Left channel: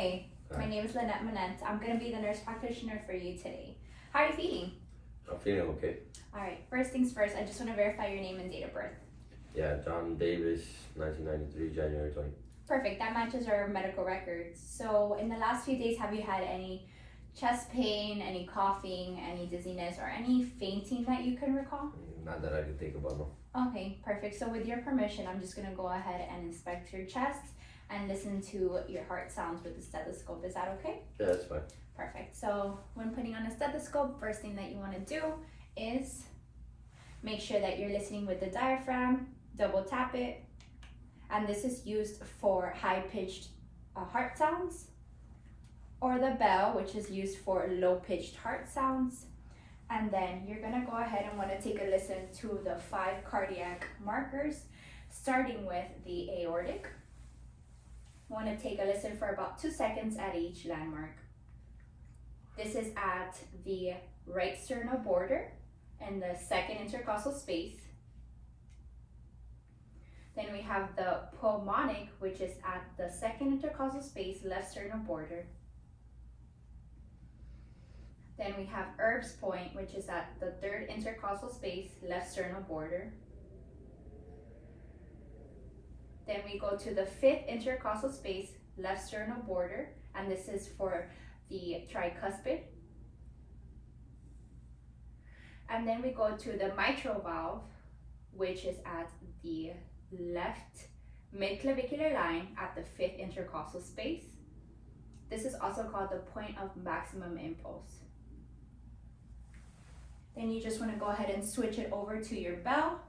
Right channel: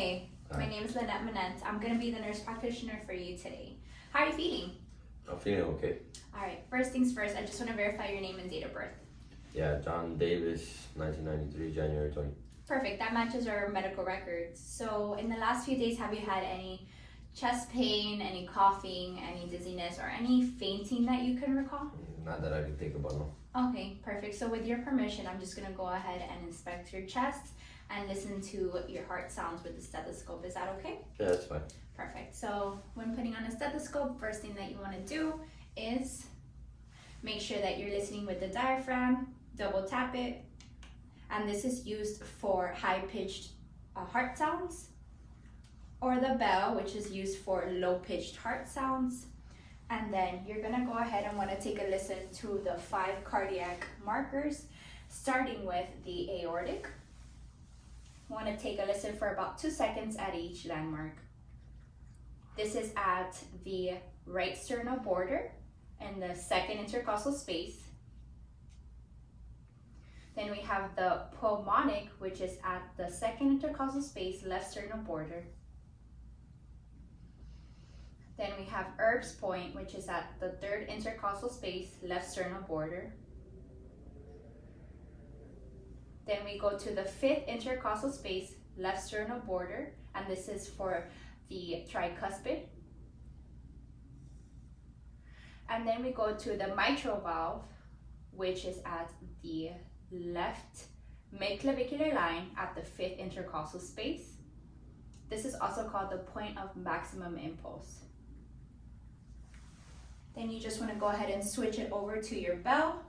Hi, my Hi. name is Lynette Manent. I'm going to be the nurse practitioner for you today. How are you feeling? I'm feeling okay. All right, first things first, I just want to verify your name and date of birth. Yeah, John Davis, 1993, January 20. Perfect, that matches our medical records. So, in the last few days, have you had any chest pain, any coughing, any dizziness, or any fainting that you can recall? Not that I can think about, no. Okay, perfect. So, with your permission, I'm just going to go ahead and inspect your chest and listen to your heart sounds with the stethoscope. Is that okay? Yeah, that's fine. Perfect. So when putting on a stethoscope, first thing that you want to do is make sure that you're listening with the diaphragm, double tap it, and this is used for high-pitched heart sounds, or the bell, which is used for low-pitched heart sounds. And then you're gonna go ahead and want to take a listen to the 5 cardiac markers, starting with the aortic. Want to take a listen for about 2 seconds at each landmark. This is at the right sternal border and the second intercostal space. Then we have the pulmonic, which is at the second intercostal space, left sternal border. Then we have Erb's point, which is at the third intercostal space, left sternal border. Then we go to the 5th intercostal space, left sternal border, and this is for the tricuspid. And then we go to the mitral valve, which is at the left midclavicular line at the 5th intercostal space. This is also called the point of maximum impulse. Then you just want to go ahead and switch it over to your bell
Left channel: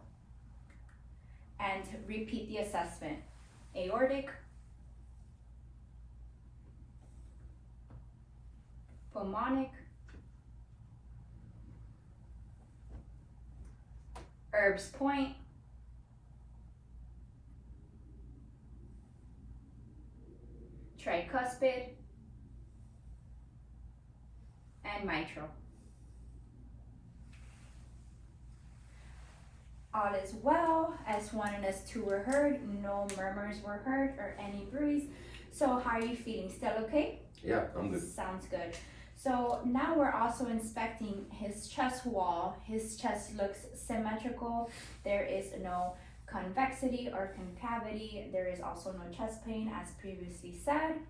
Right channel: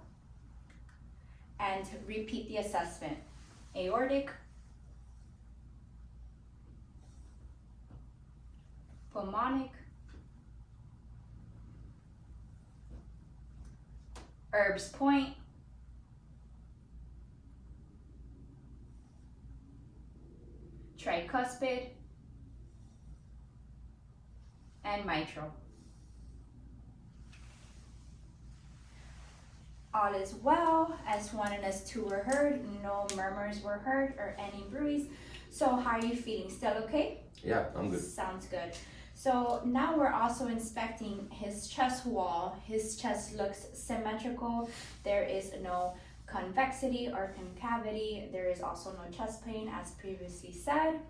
and repeat the assessment. Aortic, pulmonic, Erb's point, tricuspid, and mitral. All is well. S1 and S2 were heard. No murmurs were heard or any bruise. So how are you feeling? Still okay? Yeah, I'm good. Sounds good. So now we're also inspecting his chest wall. His chest looks symmetrical. There is no convexity or concavity. There is also no chest pain as previously said.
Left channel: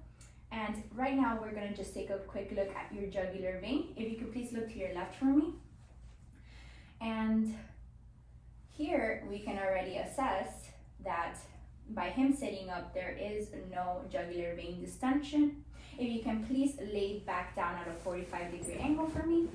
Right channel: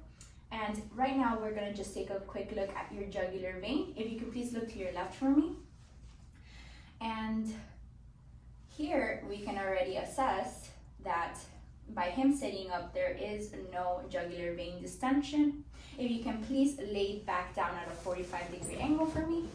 And right now we're gonna just take a quick look at your jugular vein. If you could please look to your left for me. And here we can already assess that by him sitting up, there is no jugular vein distension. If you can please lay back down at a 45-degree angle for me.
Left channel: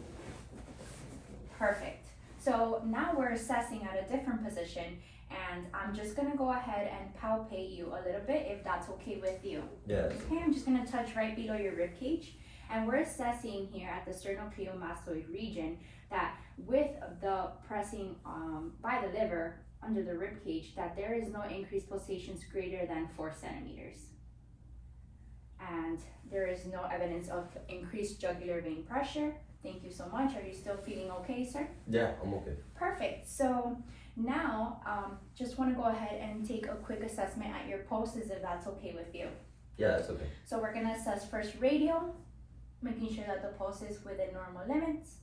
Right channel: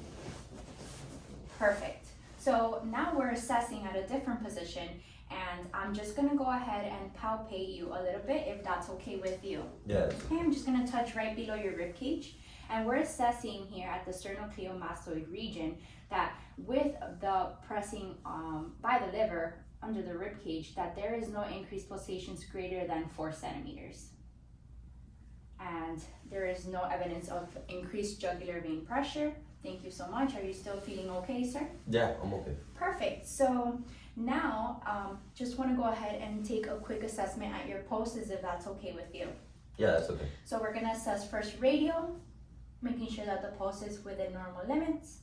Perfect. So now we're assessing at a different position, and I'm just gonna go ahead and palpate you a little bit if that's okay with you. Yeah. Okay, I'm just gonna touch right below your rib cage, and we're assessing here at the sternocleidomastoid region that with the pressing by the liver under the rib cage, that there is no increased pulsations greater than 4 centimeters. And there is no evidence of increased jugular vein pressure. Thank you so much. Are you still feeling okay, sir? Yeah, I'm okay. Perfect. So now, just want to go ahead and take a quick assessment at your pulses if that's okay with you. Yeah, that's okay. So we're going to assess first radial, making sure that the pulse is within normal limits.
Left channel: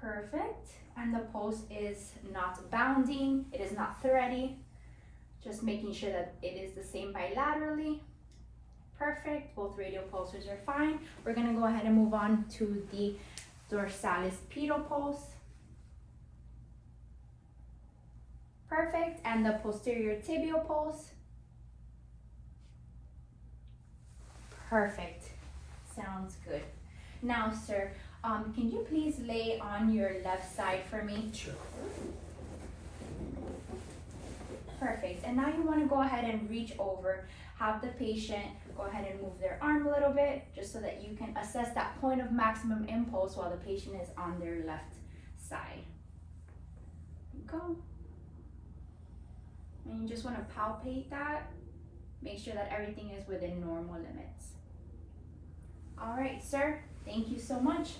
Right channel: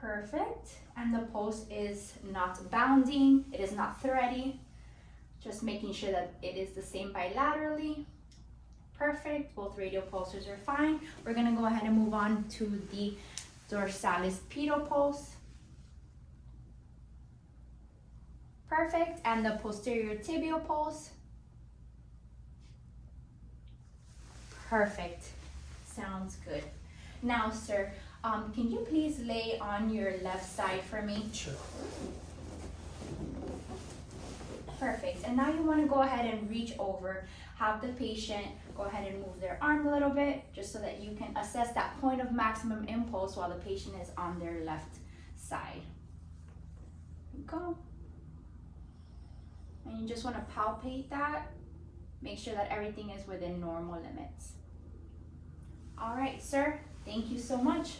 Perfect. And the pulse is not bounding, it is not thready. Just making sure that it is the same bilaterally. Perfect. Both radial pulses are fine. We're going to go ahead and move on to the dorsalis pedal pulse. Perfect. And the posterior tibial pulse. Perfect. Sounds good. Now, sir, can you please lay on your left side for me? Sure. Perfect. And now you want to go ahead and reach over, have the patient go ahead and move their arm a little bit, just so that you can assess that point of maximum impulse while the patient is on their left side. Go. And you just want to palpate that. Make sure that everything is within normal limits. All right, sir. Thank you so much.